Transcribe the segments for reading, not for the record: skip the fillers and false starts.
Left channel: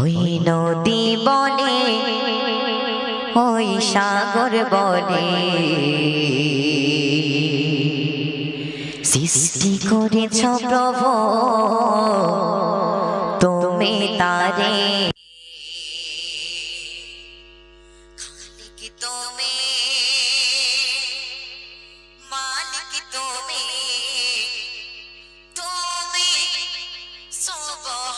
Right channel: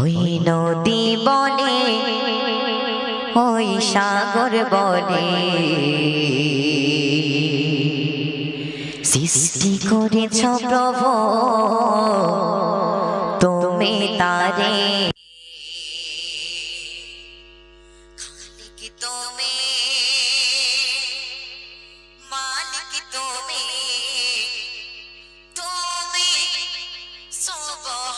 ওই নদী বনে ওই সাগর বনে সৃষ্টি করেছ প্রভু তুমি তারে খালিক তুমি মালিক তুমি তুমি সুবহান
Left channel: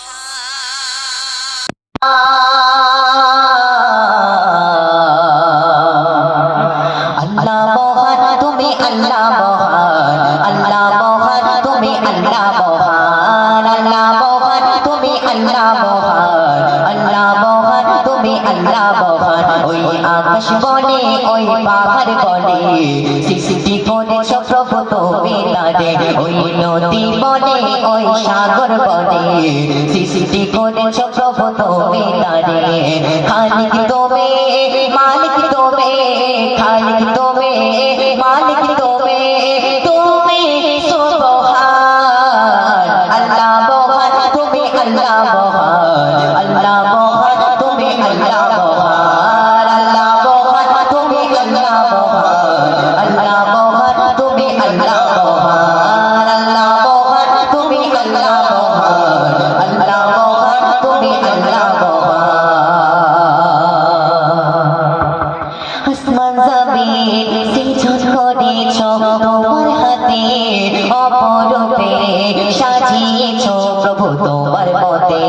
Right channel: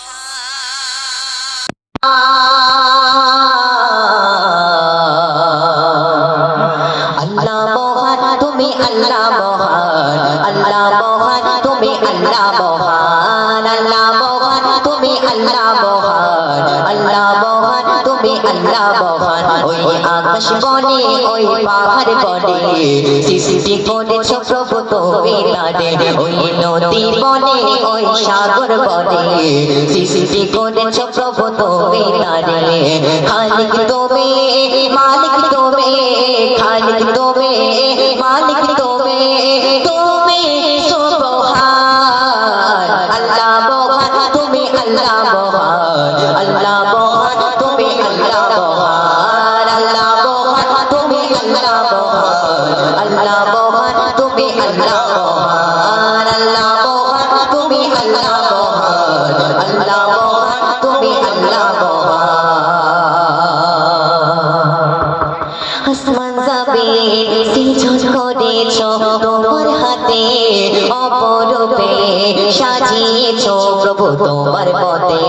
আল্লাহ মহান তুমি আল্লাহ মহান আল্লাহ মহান তুমি আল্লাহ মহান আল্লাহ মহান তুমি আল্লাহ মহান আল্লাহ মহান তুমি আল্লাহ মহান ওই আকাশ বনে ওই পাহাড় বনে সৃষ্টি করেছ প্রভু তুমি তারে ওই নদী বনে ওই সাগর বনে সৃষ্টি করেছ প্রভু তুমি তারে খালিক তুমি মালিক তুমি খালিক তুমি মালিক তুমি তুমি সুবহান আল্লাহ মহান তুমি আল্লাহ মহান আল্লাহ মহান তুমি আল্লাহ মহান আল্লাহ মহান তুমি আল্লাহ মহান আল্লাহ মহান তুমি আল্লাহ মহান আল্লাহ মহান তুমি আল্লাহ মহান আল্লাহ মহান তুমি আল্লাহ মহান আসমান জমিন সৃজন করেছ তোমার হাতে অপরূপে সাজিয়েছ প্রভু তোমার মতে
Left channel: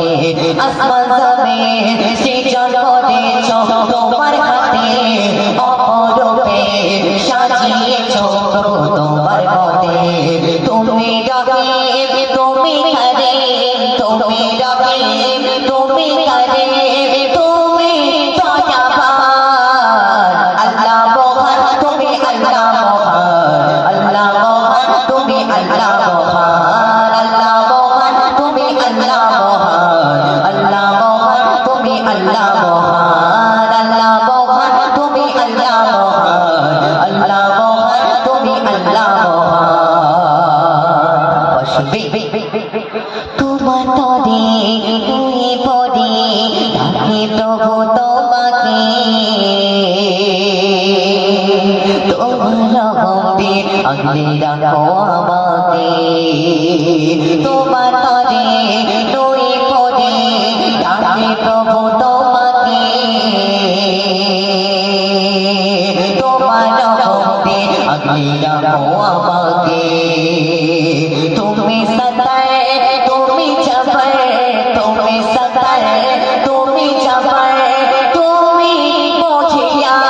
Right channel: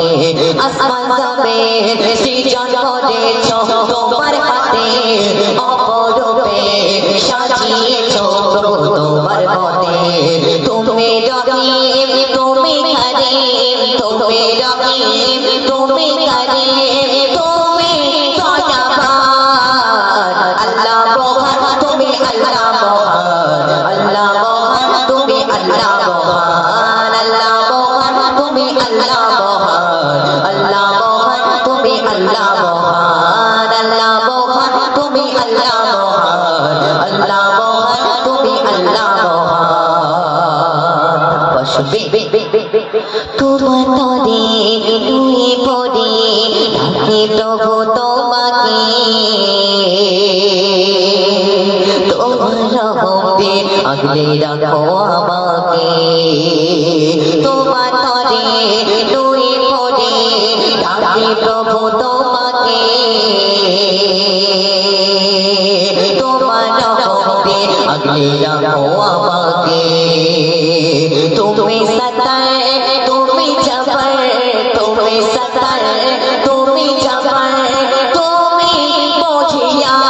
আসমান জমিন সৃজন করেছ তোমার হাতে অপরূপে সাজিয়েছ প্রভু তোমার মতে তুমি রহিম তুমি করিম তুমি রহিম তুমি করিম তুমি দয়াবান আল্লাহ মহান তুমি আল্লাহ মহান আল্লাহ মহান তুমি আল্লাহ মহান আল্লাহ মহান তুমি আল্লাহ মহান আল্লাহ মহান তুমি আল্লাহ মহান আল্লাহ মহান তুমি আল্লাহ মহান আল্লাহ মহান তুমি আল্লাহ মহান তোমার তরে তুই পড়ে ডাকে প্রভু তোমাকে তোমার রহমতে আগলে রাখো আমাকে তোমার তরে তুই পড়ে ডাকে প্রভু তোমাকে তোমার রহমতে আগলে রাখো আমাকে তুমি সদায় তুমি জবর তুমি সদায় তুমি জবর তুমি মুখিয়ান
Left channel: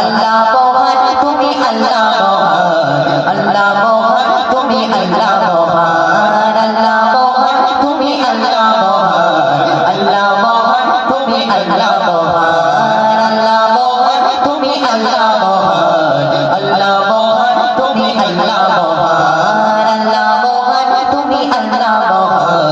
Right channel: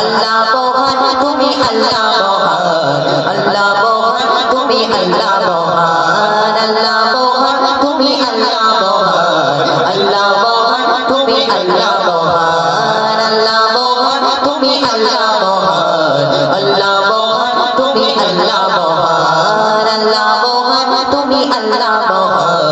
আল্লাহ মহান তুমি আল্লাহ মহান আল্লাহ মহান তুমি আল্লাহ মহান আল্লাহ মহান তুমি আল্লাহ মহান আল্লাহ মহান তুমি আল্লাহ মহান আল্লাহ মহান তুমি আল্লাহ মহান আল্লাহ মহান তুমি আল্লাহ মহান আল্লাহ মহান তুমি আল্লাহ মহান